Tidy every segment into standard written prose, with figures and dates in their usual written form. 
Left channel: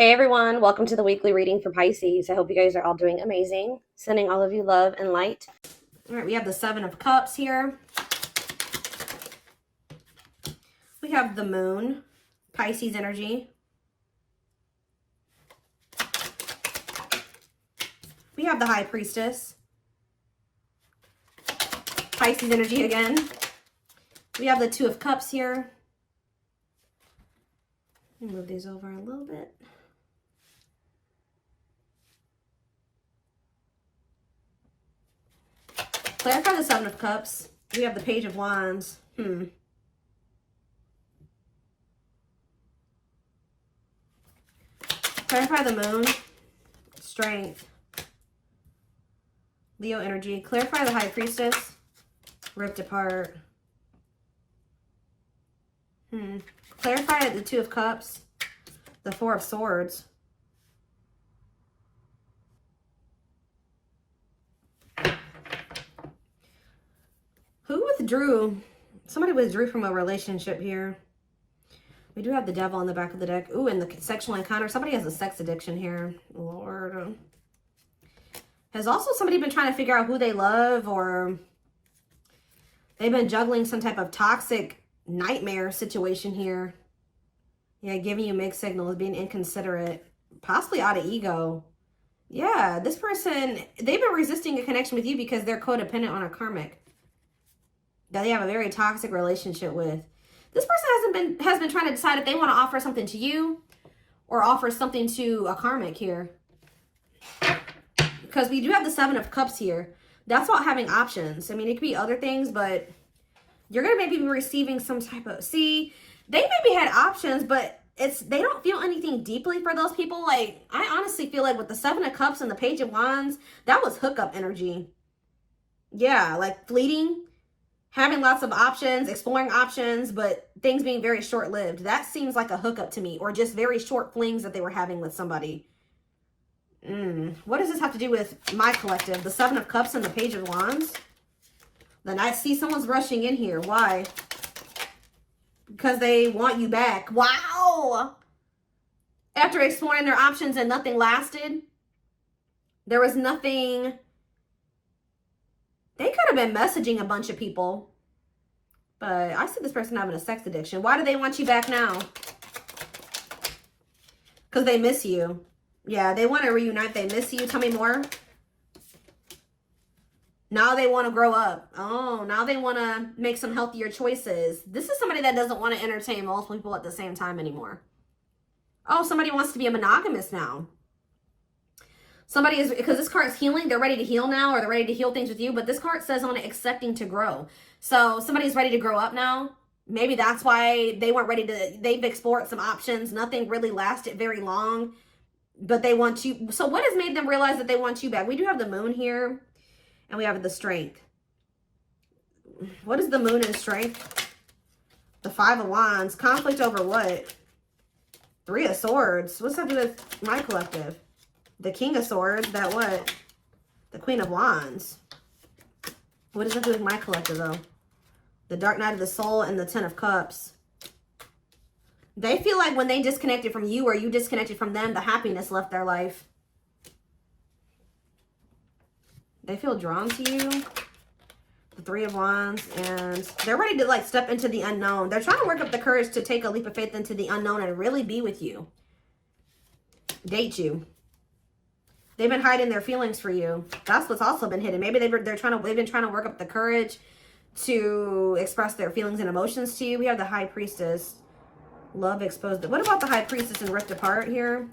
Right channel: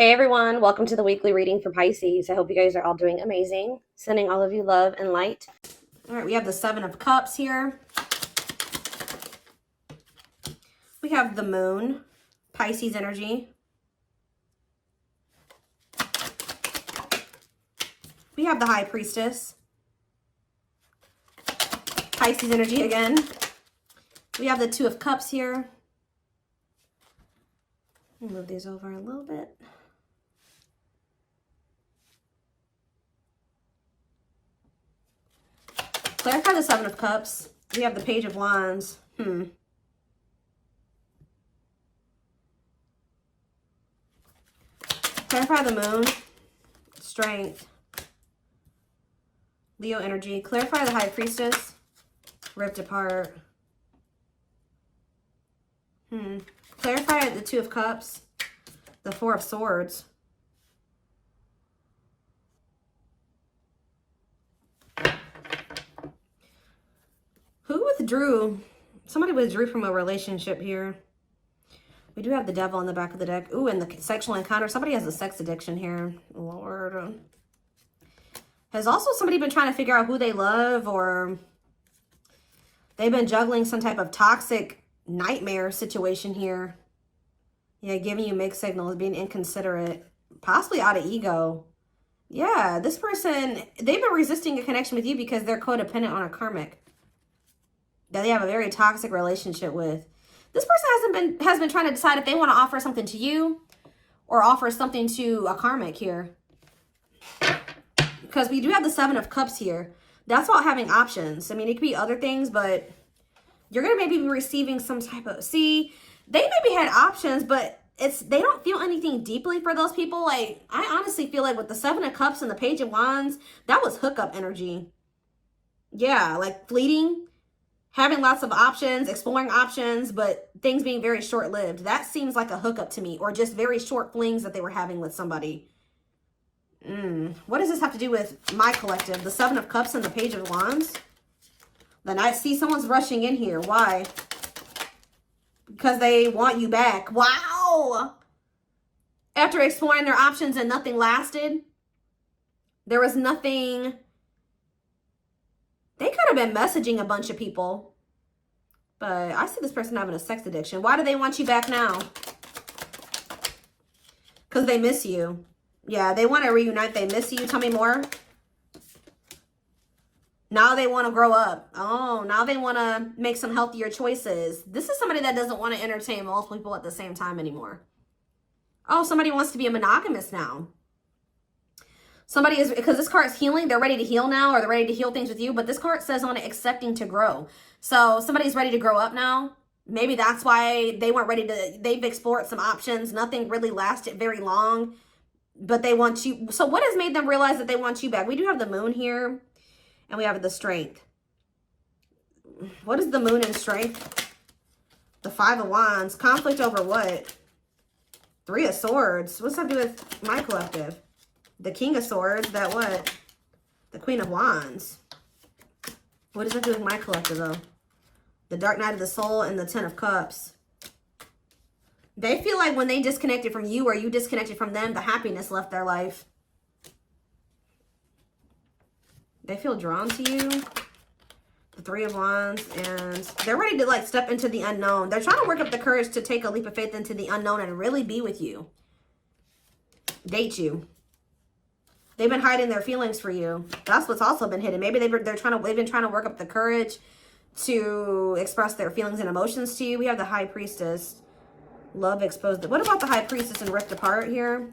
Hey everyone, welcome to the weekly reading for Pisces. I hope you guys are all doing amazing. Sending all of you love and light. All right, we have the Seven of Cups here. We have the Moon, Pisces energy. We have the High Priestess, Pisces energy again. We have the Two of Cups here. Let me move these over a little bit. Clarify the Seven of Cups. We have the Page of Wands. Clarify the Moon. Strength. Leo energy. Clarify the High Priestess. Ripped apart. Clarify the Two of Cups. The Four of Swords. Who withdrew? Somebody withdrew from a relationship here. We do have the Devil in the back of the deck. Ooh, and the sexual encounter. Somebody has a sex addiction here. Lord. Has also somebody been trying to figure out who they love, or they've been juggling some type of toxic nightmare situation here. Yeah, giving you mixed signals, being inconsiderate, possibly out of ego. Yeah, this person, they've been resisting a connection with you because they're codependent on a karmic that they have a very toxic relationship with. This person has been trying to decide if they want to offer something to you or offer something to a karmic here. Because we do have the Seven of Cups here. That's about having options. I mean, it could be other things, but you're going to maybe be receiving some type of... See, they maybe had options, but they don't feel anything deeply for those people. Like, I honestly feel like with the Seven of Cups and the Page of Wands, that was hookup energy. Yeah, like fleeting. Having lots of options, exploring options, but things being very short-lived. That seems like a hookup to me, or just very short flings that they were having with somebody. What does this have to do with my collective? The Seven of Cups and the Page of Wands? Then I see someone's rushing in here. Why? Because they want you back. Wow! After exploring their options and nothing lasted, there was nothing... They could have been messaging a bunch of people. But I see this person having a sex addiction. Why do they want you back now? Because they miss you. Yeah, they want to reunite. They miss you. Tell me more. Now they want to grow up. Oh, now they want to make some healthier choices. This is somebody that doesn't want to entertain multiple people at the same time anymore. Oh, somebody wants to be a monogamous now. Somebody is, because this card is healing, they're ready to heal now, or they're ready to heal things with you, but this card says on it, accepting to grow. So somebody's ready to grow up now. Maybe that's why they weren't ready to, they've explored some options. Nothing really lasted very long, but they want you. So what has made them realize that they want you back? We do have the Moon here, and we have the Strength. What is the Moon and Strength? The Five of Wands. Conflict over what? Three of Swords. What's that do with my collective? The King of Swords, that what? The Queen of Wands. What does it do with my collective, though? The Dark Night of the Soul and the Ten of Cups. They feel like when they disconnected from you or you disconnected from them, the happiness left their life. They feel drawn to you. The Three of Wands. And they're ready to, like, step into the unknown. They're trying to work up the courage to take a leap of faith into the unknown and really be with you. Date you. They've been hiding their feelings for you. That's what's also been hidden. Maybe they've been trying to work up the courage to express their feelings and emotions to you. We have the High Priestess. Love exposed. What about the High Priestess and ripped apart here?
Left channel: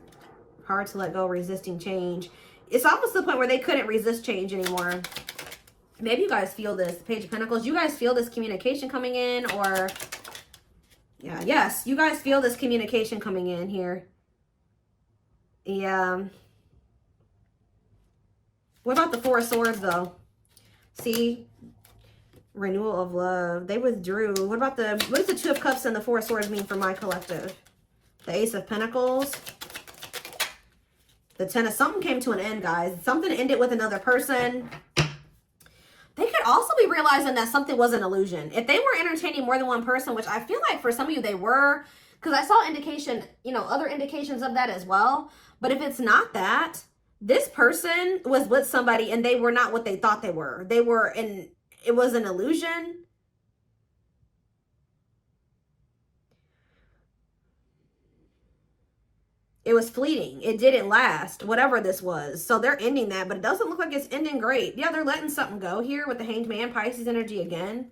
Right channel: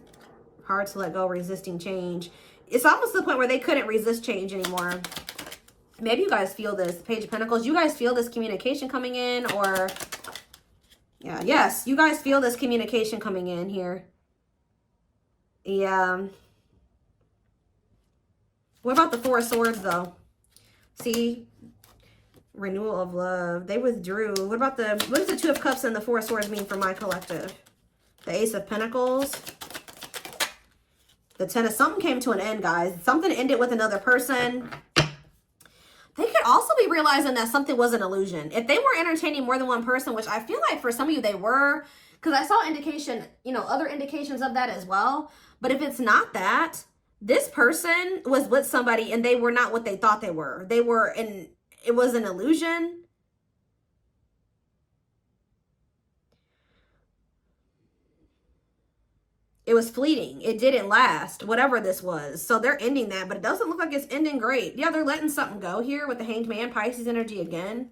Hard to let go, resisting change. It's almost to the point where they couldn't resist change anymore. Maybe you guys feel this. Page of Pentacles. You guys feel this communication coming in, or... Yeah, yes. You guys feel this communication coming in here. Yeah. What about the Four of Swords, though? See? Renewal of love. They withdrew. What about what does the Two of Cups and the Four of Swords mean for my collective? The Ace of Pentacles. The Ten of... Something came to an end, guys. Something ended with another person. They could also be realizing that something was an illusion. If they were entertaining more than one person, which I feel like for some of you they were, Because I saw indication, you know, other indications of that as well. But if it's not that, this person was with somebody and they were not what they thought they were. They were in, it was an illusion. It was fleeting. It didn't last, whatever this was. So they're ending that, but it doesn't look like it's ending great. Yeah, they're letting something go here with the Hanged Man, Pisces energy again.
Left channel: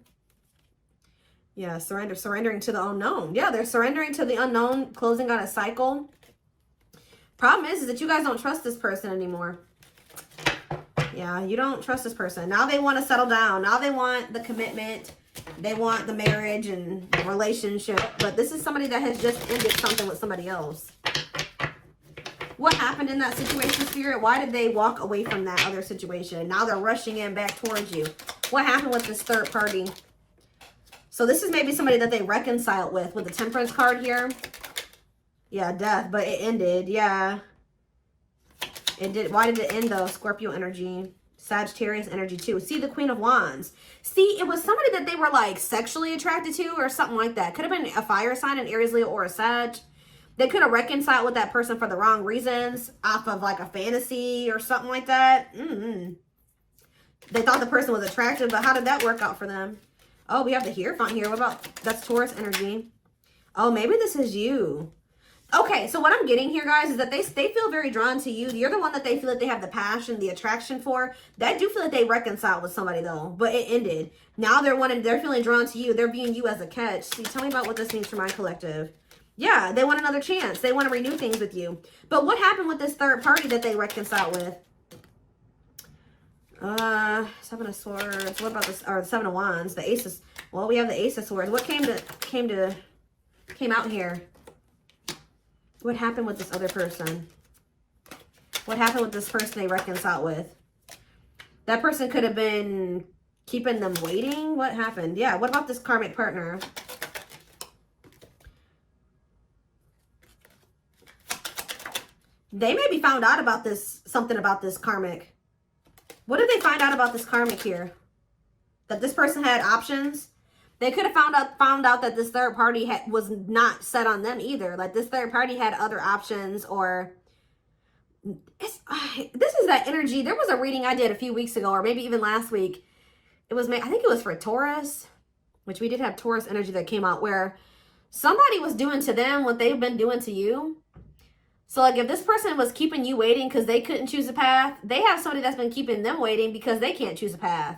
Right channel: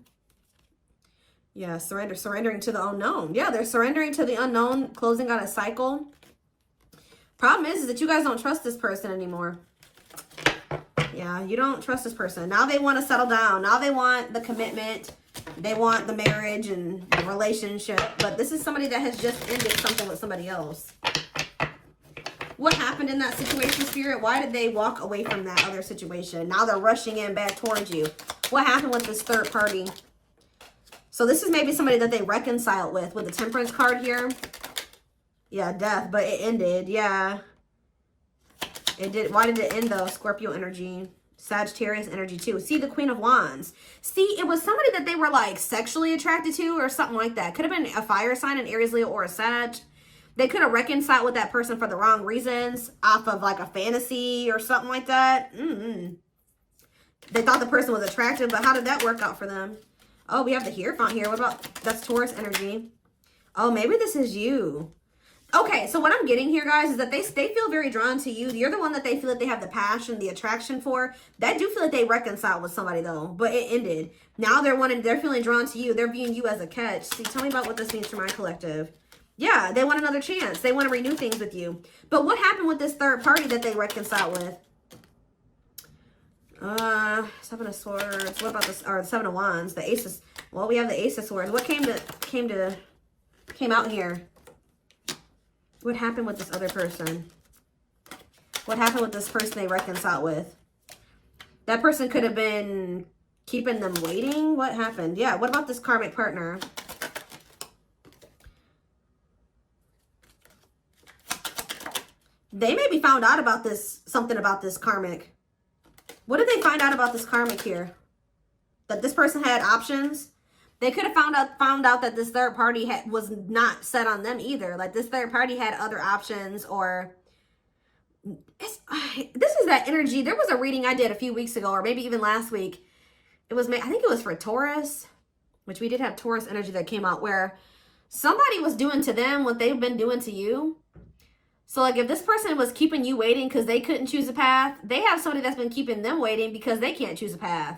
Yeah, surrendering to the unknown. Yeah, they're surrendering to the unknown, closing out a cycle. Problem is that you guys don't trust this person anymore. Yeah, you don't trust this person. Now they want to settle down. Now they want the commitment. They want the marriage and the relationship. But this is somebody that has just ended something with somebody else. What happened in that situation, Spirit? Why did they walk away from that other situation? Now they're rushing in back towards you. What happened with this third party? So this is maybe somebody that they reconciled with the Temperance card here. Yeah, death, but it ended. Yeah. It did. Why did it end though? Scorpio energy. Sagittarius energy too. See, the Queen of Wands. See, it was somebody that they were like sexually attracted to or something like that. Could have been a fire sign, an Aries, Leo, or a Sag. They could have reconciled with that person for the wrong reasons, off of like a fantasy or something like that. They thought the person was attractive, but how did that work out for them? Oh, we have the Hierophant here. What about, that's Taurus energy. Oh, maybe this is you. Okay, so what I'm getting here, guys, is that they feel very drawn to you. You're the one that they feel that they have the passion, the attraction for. They do feel that they reconciled with somebody, though, but it ended. Now they're feeling drawn to you. They're viewing you as a catch. See, tell me about what this means for my collective. Yeah, they want another chance. They want to renew things with you. But what happened with this third party that they reconciled with? Seven of Swords. What about this? Or Seven of Wands. The Aces. Well, we have the Ace of Swords. What came out here? What happened with this other person? What happened with this person they reconciled with? That person could have been keeping them waiting. What happened? Yeah. What about this karmic partner? They maybe found out about this, something about this karmic. What did they find out about this karmic here? That this person had options? They could have found out that this third party was not set on them either. Like this third party had other options, or this is that energy. There was a reading I did a few weeks ago, or maybe even last week. It was, I think it was for Taurus, which we did have Taurus energy that came out, where somebody was doing to them what they've been doing to you. So like if this person was keeping you waiting because they couldn't choose a path, they have somebody that's been keeping them waiting because they can't choose a path.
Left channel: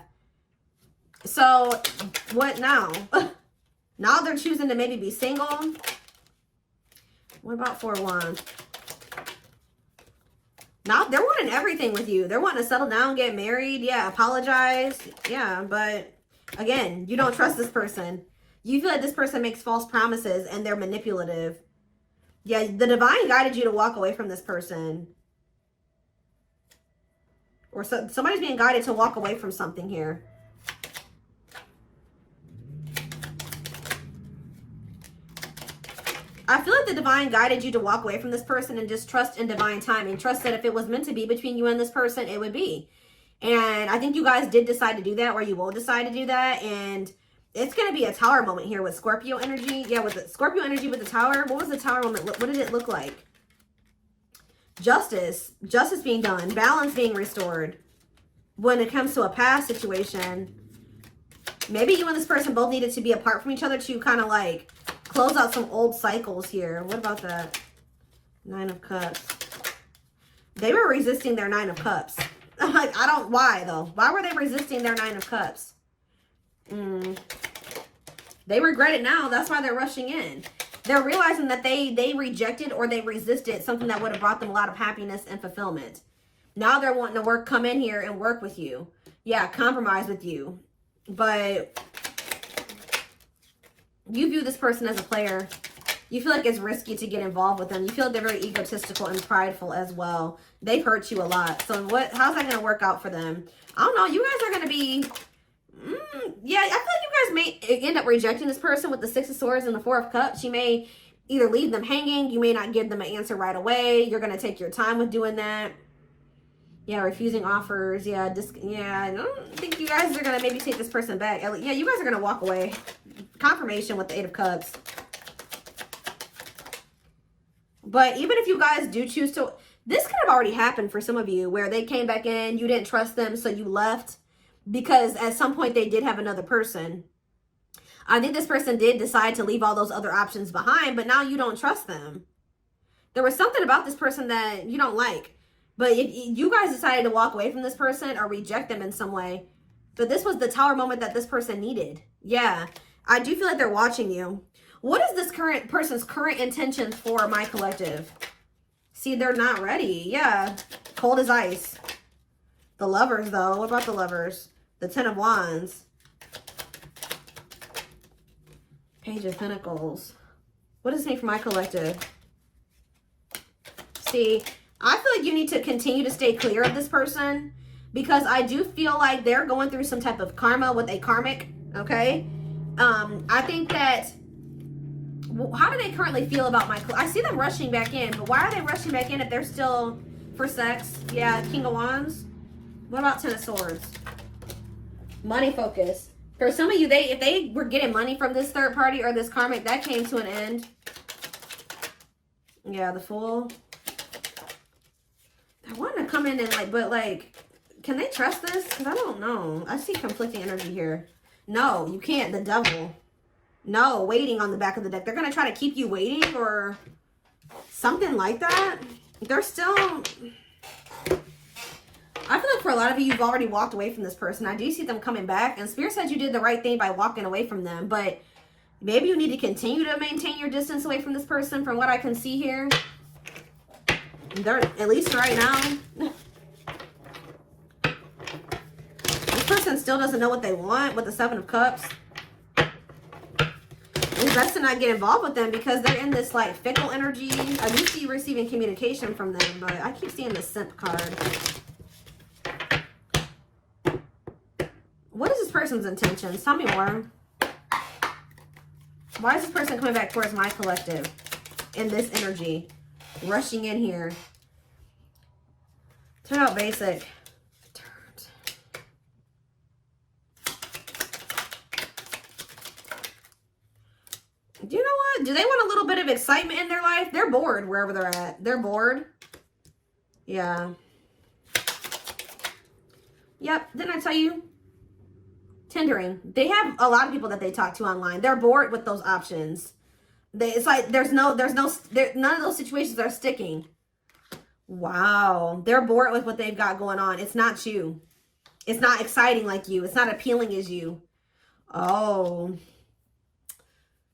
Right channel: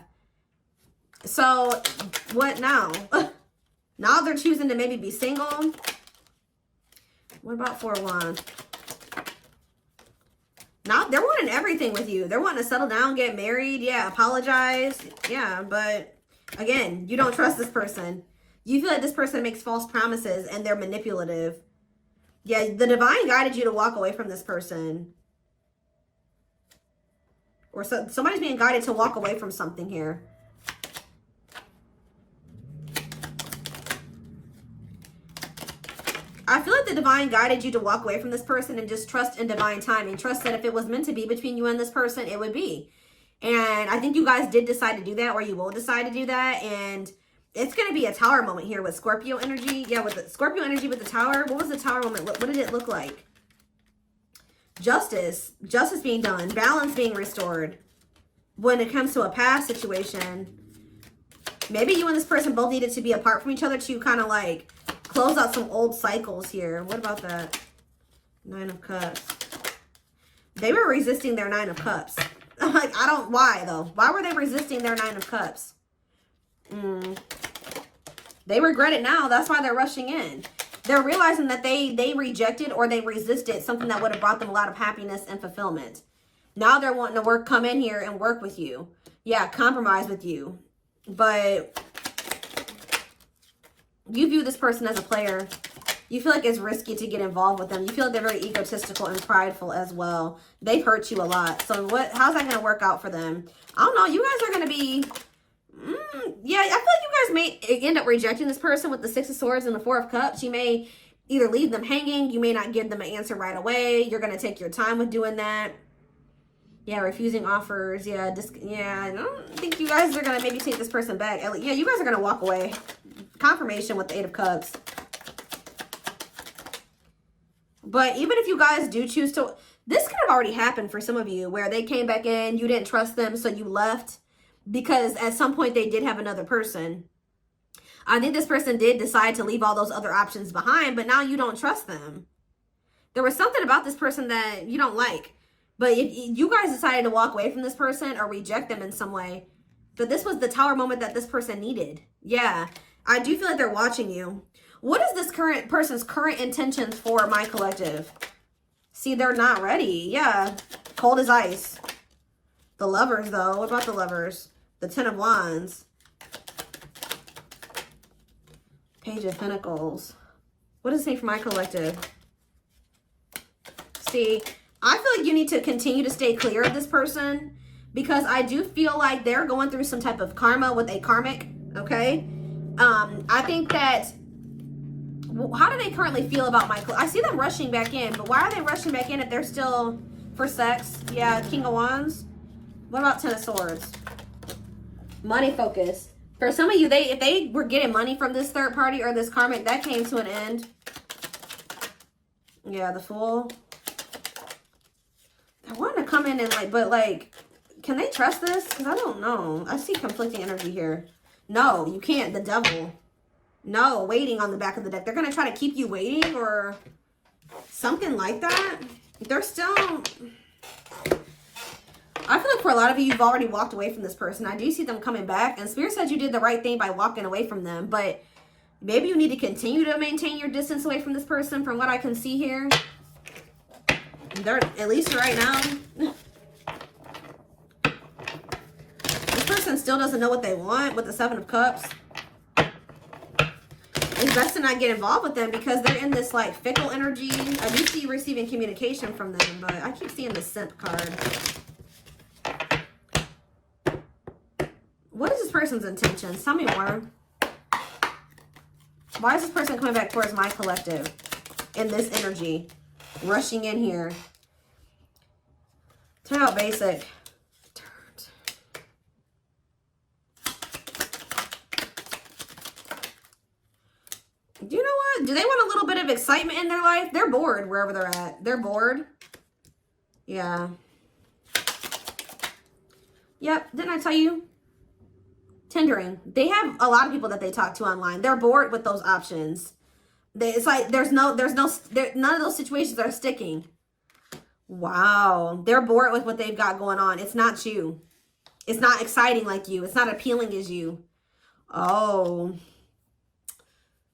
So what now? Now they're choosing to maybe be single. What about Four of Wands? Now they're wanting everything with you. They're wanting to settle down, get married. Yeah, apologize. Yeah, but again, you don't trust this person. You feel like this person makes false promises and they're manipulative. Yeah, the divine guided you to walk away from this person. Or somebody's being guided to walk away from something here. I feel like the divine guided you to walk away from this person and just trust in divine timing. Trust that if it was meant to be between you and this person, it would be. And I think you guys did decide to do that, or you will decide to do that. And it's going to be a tower moment here with Scorpio energy. Yeah, with the Scorpio energy with the tower. What was the tower moment? What did it look like? Justice. Justice being done. Balance being restored. When it comes to a past situation, maybe you and this person both needed to be apart from each other to kind of like close out some old cycles here. What about that? Nine of Cups. They were resisting their Nine of Cups. Like, why though? Why were they resisting their Nine of Cups? They regret it now. That's why they're rushing in. They're realizing that they rejected or they resisted something that would have brought them a lot of happiness and fulfillment. Now they're wanting to come in here and work with you. Yeah, compromise with you. But you view this person as a player. You feel like it's risky to get involved with them. You feel like they're very egotistical and prideful as well. They've hurt you a lot. So how's that going to work out for them? I don't know. You guys are going to be... yeah, I feel like you guys may end up rejecting this person with the Six of Swords and the Four of Cups. You may either leave them hanging. You may not give them an answer right away. You're going to take your time with doing that. Yeah, refusing offers. Yeah, I don't think you guys are going to maybe take this person back. Yeah, you guys are going to walk away. Confirmation with the Eight of Cups. But even if you guys do choose to, this could have already happened for some of you where they came back in, you didn't trust them, so you left because at some point they did have another person. I think this person did decide to leave all those other options behind, but now you don't trust them. There was something about this person that you don't like. But if you guys decided to walk away from this person or reject them in some way, but this was the Tower moment that this person needed. Yeah, I do feel like they're watching you. What is this current person's current intentions for my collective? See, they're not ready. Yeah, cold as ice. The Lovers, though. What about the Lovers? The Ten of Wands. Page of Pentacles. What does it say for my collective? See, I feel like you need to continue to stay clear of this person because I do feel like they're going through some type of karma with a karmic, okay? I think that, how do they currently feel about my, I see them rushing back in, but why are they rushing back in if they're still for sex? Yeah, King of Wands. What about Ten of Swords? Money focused. For some of you, if they were getting money from this third party or this karmic, that came to an end. Yeah, the Fool. I want to come in and but can they trust this? Because I don't know. I see conflicting energy here. No, you can't. The Devil. No, waiting on the back of the deck. They're going to try to keep you waiting or something like that. They're still, I feel like for a lot of you, you've already walked away from this person. I do see them coming back. And Spirit said you did the right thing by walking away from them. But maybe you need to continue to maintain your distance away from this person from what I can see here. They're, at least right now, this person still doesn't know what they want with the Seven of Cups. It's best to not get involved with them because they're in this like fickle energy. I do see you receiving communication from them, but I keep seeing the Simp card. What is this person's intentions? Tell me more. Why is this person coming back towards my collective in this energy? Rushing in here. Turn out basic. Do you know what? Do they want a little bit of excitement in their life? They're bored wherever they're at. They're bored. Yeah. Yep. Didn't I tell you? Tendering. They have a lot of people that they talk to online. They're bored with those options. It's like none of those situations are sticking. Wow. They're bored with what they've got going on. It's not you. It's not exciting like you. It's not appealing as you. Oh.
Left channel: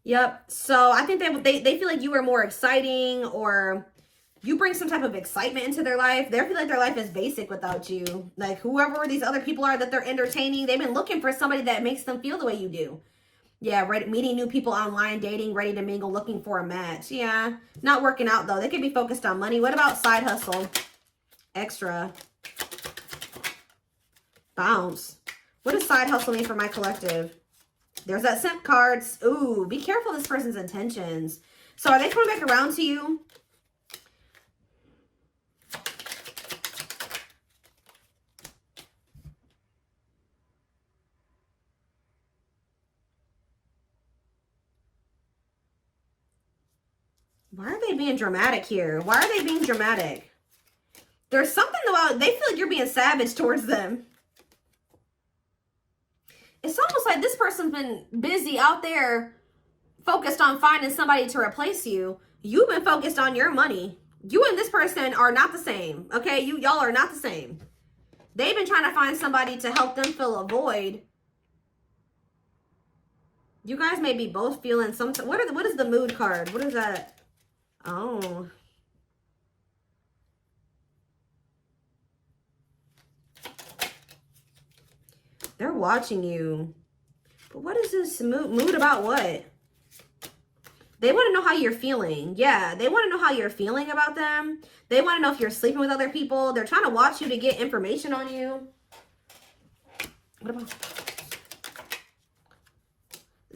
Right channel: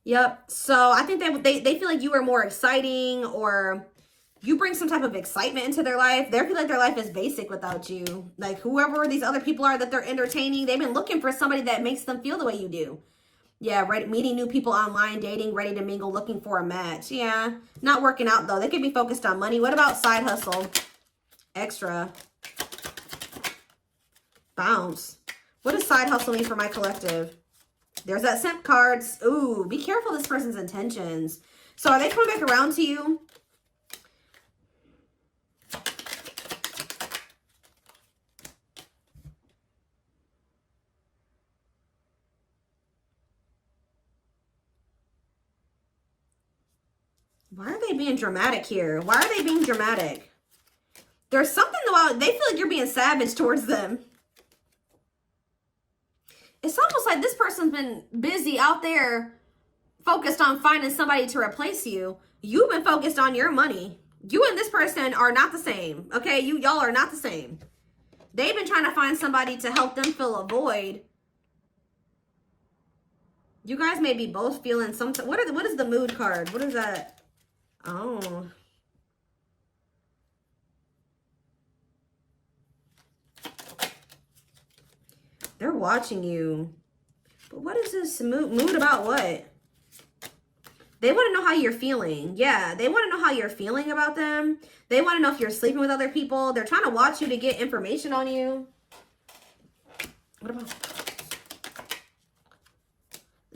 Yep. So I think they feel like you are more exciting or you bring some type of excitement into their life. They feel like their life is basic without you. Like whoever these other people are that they're entertaining, they've been looking for somebody that makes them feel the way you do. Yeah, right. Meeting new people online, dating, ready to mingle, looking for a match. Yeah, not working out though. They could be focused on money. What about side hustle? Extra. Bounce. What does side hustle mean for my collective? There's that Simp cards. Ooh, be careful this person's intentions. So are they coming back around to you? Why are they being dramatic here? Why are they being dramatic? There's something about, they feel like you're being savage towards them. It's almost like this person's been busy out there focused on finding somebody to replace you. You've been focused on your money. You and this person are not the same. Okay, y'all are not the same. They've been trying to find somebody to help them fill a void. You guys may be both feeling some, what is the mood card? What is that? Oh. They're watching you. But what is this mood about what? They want to know how you're feeling. Yeah, they want to know how you're feeling about them. They want to know if you're sleeping with other people. They're trying to watch you to get information on you. What about...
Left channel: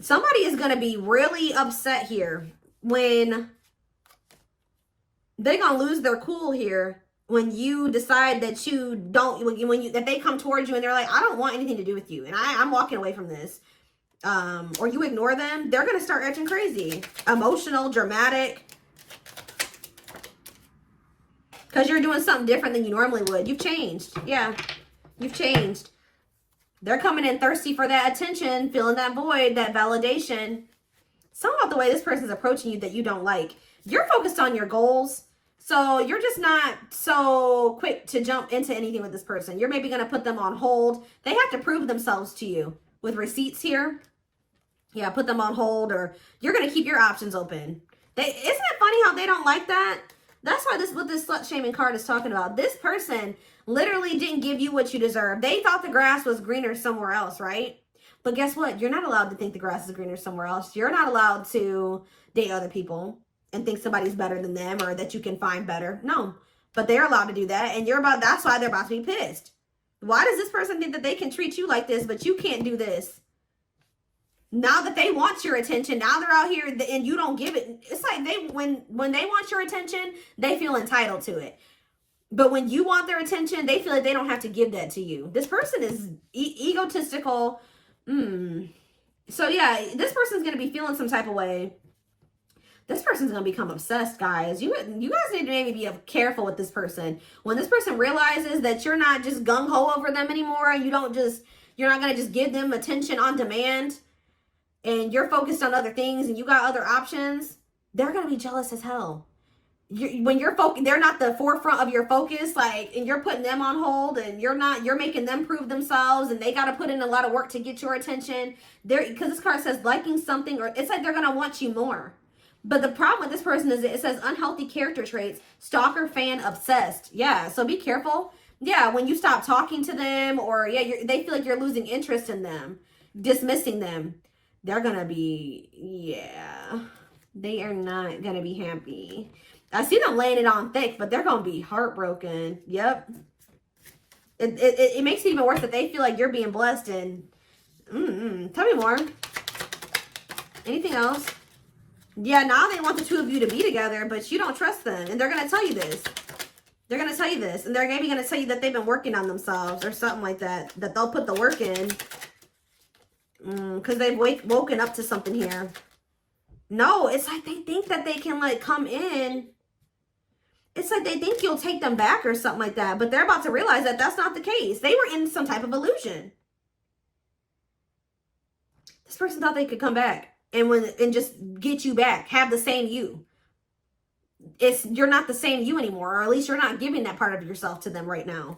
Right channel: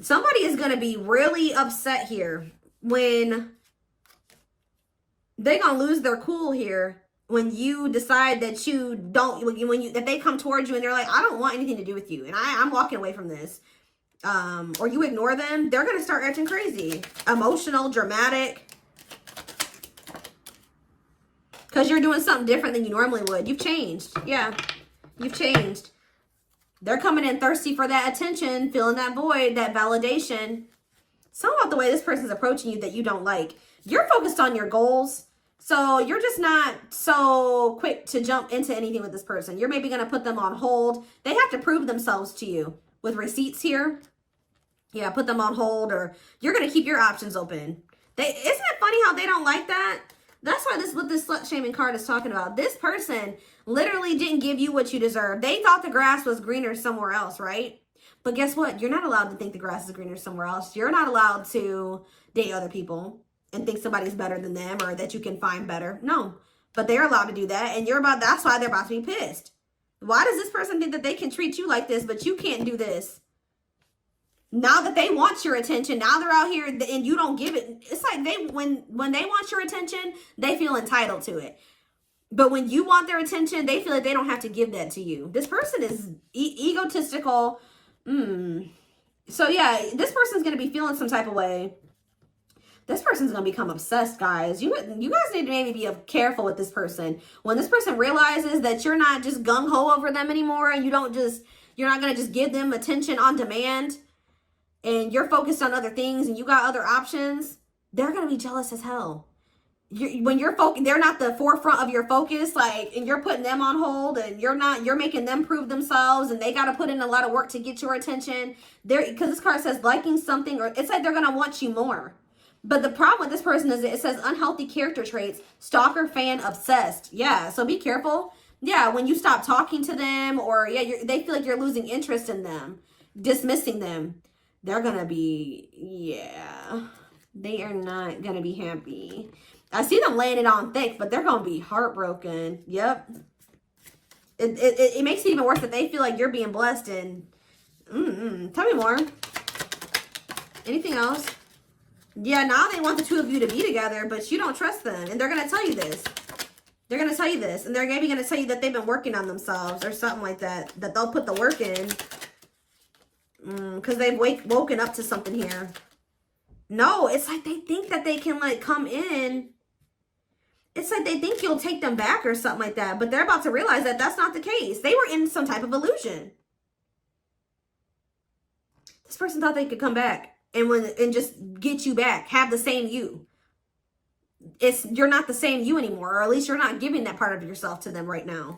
Somebody is going to be really upset here when they're going to lose their cool here when you decide that you don't, that they come towards you and they're like, I don't want anything to do with you. And I'm walking away from this. Or you ignore them, they're going to start acting crazy. Emotional, dramatic. you're doing something different than you normally would. You've changed. Yeah, you've changed. They're coming in thirsty for that attention, filling that void, that validation. Something about the way this person's approaching you that you don't like. You're focused on your goals. So you're just not so quick to jump into anything with this person. You're maybe going to put them on hold. They have to prove themselves to you with receipts here. Yeah, put them on hold, or you're going to keep your options open. Isn't it funny how they don't like that? That's why what this slut shaming card is talking about. This person literally didn't give you what you deserve. They thought the grass was greener somewhere else, right? But guess what? You're not allowed to think the grass is greener somewhere else. You're not allowed to date other people and think somebody's better than them or that you can find better. No, but they're allowed to do that. And that's why they're about to be pissed. Why does this person think that they can treat you like this, but you can't do this? Now that they want your attention, now they're out here and you don't give it. It's like when they want your attention, they feel entitled to it. But when you want their attention, they feel like they don't have to give that to you. This person is egotistical. So yeah, this person's going to be feeling some type of way. This person's going to become obsessed, guys. You guys need to maybe be careful with this person. When this person realizes that you're not just gung-ho over them anymore, and you're not going to just give them attention on demand, and you're focused on other things, and you got other options, they're going to be jealous as hell. When you're focused, they're not the forefront of your focus, like, and you're putting them on hold, and you're making them prove themselves, and they got to put in a lot of work to get your attention. Because this card says liking something, or it's like they're going to want you more. But the problem with this person is it says unhealthy character traits, stalker, fan, obsessed. Yeah, so be careful. Yeah, when you stop talking to them, or they feel like you're losing interest in them, dismissing them, they're going to be, they are not going to be happy. I see them laying it on thick, but they're going to be heartbroken. Yep. It makes it even worse that they feel like you're being blessed. And tell me more. Anything else? Yeah, now they want the two of you to be together, but you don't trust them. And they're going to tell you this. They're going to tell you this. And they're maybe going to tell you that they've been working on themselves or something like that. That they'll put the work in. Because they've woken up to something here. No, it's like they think that they can, like, come in. It's like they think you'll take them back or something like that. But they're about to realize that that's not the case. They were in some type of illusion. This person thought they could come back and just get you back. Have the same you. You're not the same you anymore. Or at least you're not giving that part of yourself to them right now.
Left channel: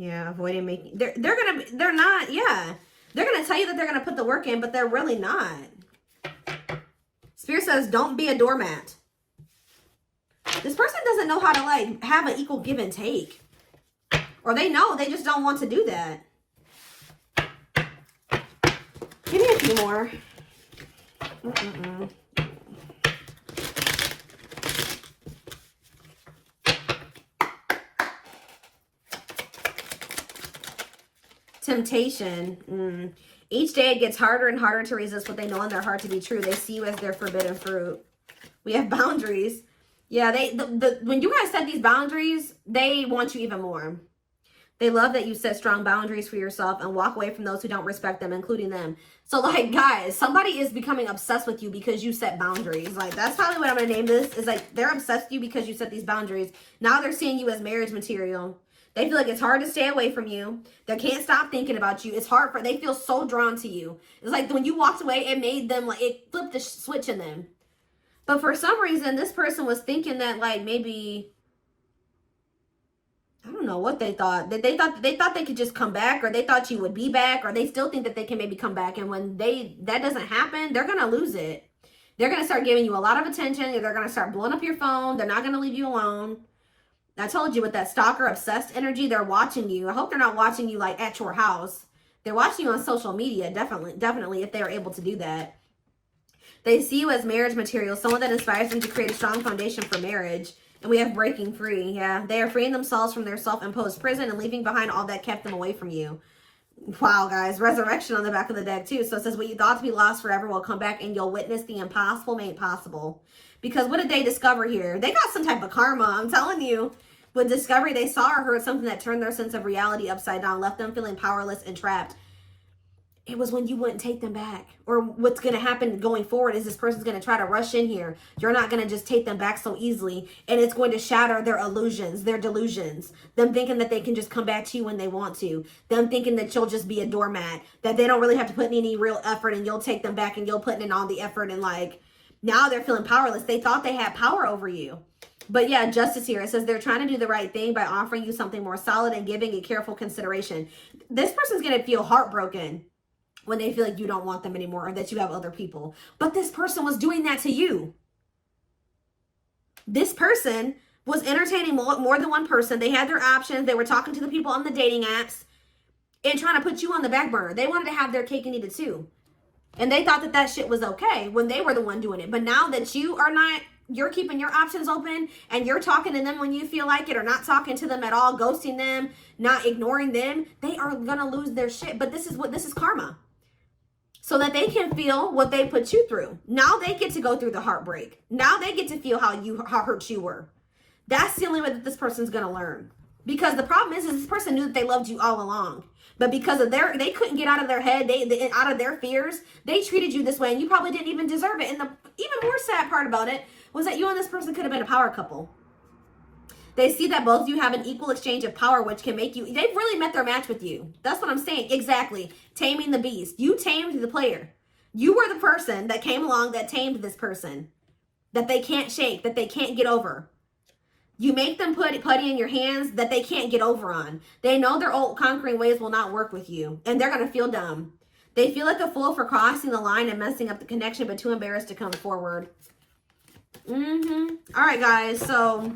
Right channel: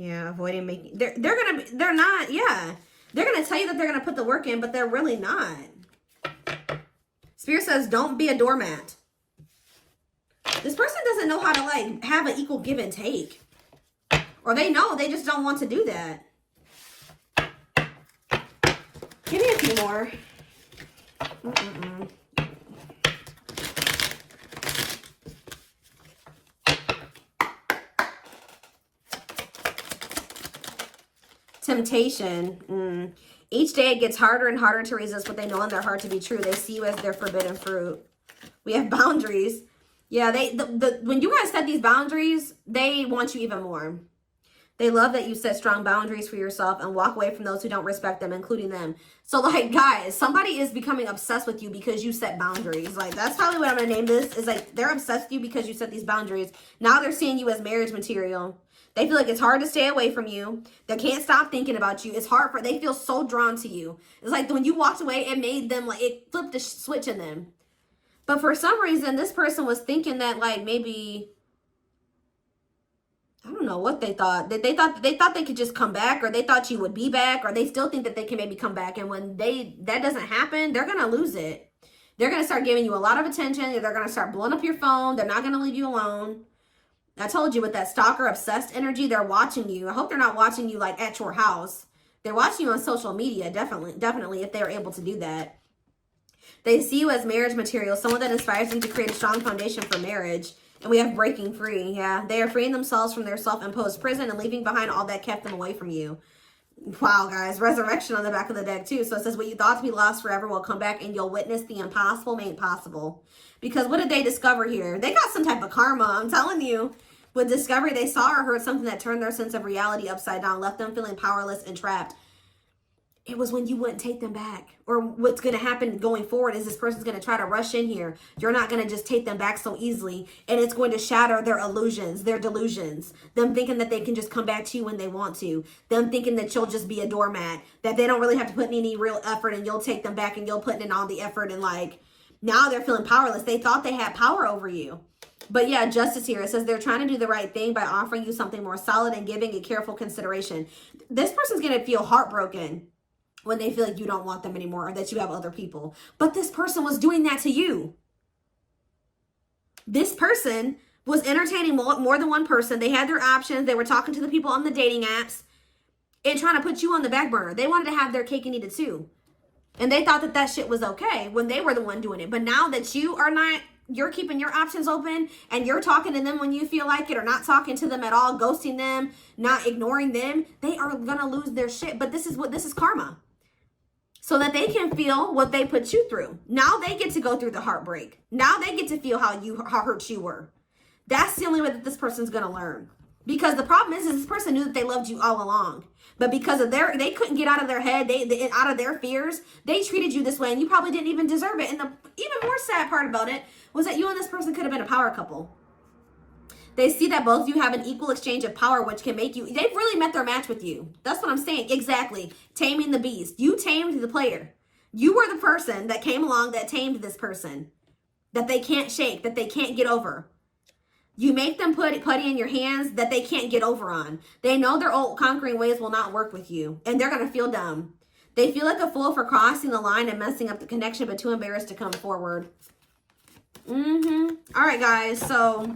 Yeah, avoiding making, they're not, yeah. They're going to tell you that they're going to put the work in, but they're really not. Spirit says, don't be a doormat. This person doesn't know how to, like, have an equal give and take. Or they know, they just don't want to do that. Give me a few more. Temptation. Each day it gets harder and harder to resist what they know in their heart to be true. They see you as their forbidden fruit. We have boundaries. Yeah, when you guys set these boundaries, they want you even more. They love that you set strong boundaries for yourself and walk away from those who don't respect them, including them. So, like, guys, somebody is becoming obsessed with you because you set boundaries. Like, that's probably what I'm going to name this. Is like, they're obsessed with you because you set these boundaries. Now they're seeing you as marriage material. They feel like it's hard to stay away from you. They can't stop thinking about you. It's hard they feel so drawn to you. It's like when you walked away, it made them, like, it flipped the switch in them. But for some reason, this person was thinking that, like, maybe, I don't know what they thought. They thought they could just come back, or they thought you would be back, or they still think that they can maybe come back. And when that doesn't happen, they're going to lose it. They're going to start giving you a lot of attention, and they're going to start blowing up your phone. They're not going to leave you alone. I told you with that stalker obsessed energy, they're watching you. I hope they're not watching you, like, at your house. They're watching you on social media, definitely, if they're able to do that. They see you as marriage material, someone that inspires them to create a strong foundation for marriage. And we have breaking free. Yeah, they are freeing themselves from their self-imposed prison and leaving behind all that kept them away from you. Wow, guys. Resurrection on the back of the deck, too. So it says, what you thought to be lost forever will come back, and you'll witness the impossible made possible. Because what did they discover here? They got some type of karma, I'm telling you. With discovery, they saw or heard something that turned their sense of reality upside down, left them feeling powerless and trapped. It was when you wouldn't take them back. Or what's going to happen going forward is this person's going to try to rush in here. You're not going to just take them back so easily. And it's going to shatter their illusions, their delusions. Them thinking that they can just come back to you when they want to. Them thinking that you'll just be a doormat. That they don't really have to put in any real effort and you'll take them back and you'll put in all the effort. And like, now they're feeling powerless. They thought they had power over you. But yeah, justice here. It says they're trying to do the right thing by offering you something more solid and giving it careful consideration. This person's going to feel heartbroken when they feel like you don't want them anymore or that you have other people. But this person was doing that to you. This person was entertaining more than one person. They had their options. They were talking to the people on the dating apps and trying to put you on the back burner. They wanted to have their cake and eat it too. And they thought that that shit was okay when they were the one doing it. But now that you are not, you're keeping your options open and you're talking to them when you feel like it or not talking to them at all, ghosting them, not ignoring them, they are going to lose their shit. But this is karma. So that they can feel what they put you through. Now they get to go through the heartbreak. Now they get to feel how hurt you were. That's the only way that this person's going to learn. Because the problem is this person knew that they loved you all along. But because of they couldn't get out of their head, out of their fears, they treated you this way and you probably didn't even deserve it. And the even more sad part about it was that you and this person could have been a power couple. They see that both of you have an equal exchange of power, which can make you, they've really met their match with you. That's what I'm saying. Exactly. Taming the beast. You tamed the player. You were the person that came along that tamed this person. That they can't shake, that they can't get over. You make them put putty in your hands that they can't get over on. They know their old conquering ways will not work with you. And they're going to feel dumb. They feel like a fool for crossing the line and messing up the connection, but too embarrassed to come forward. All right, guys. So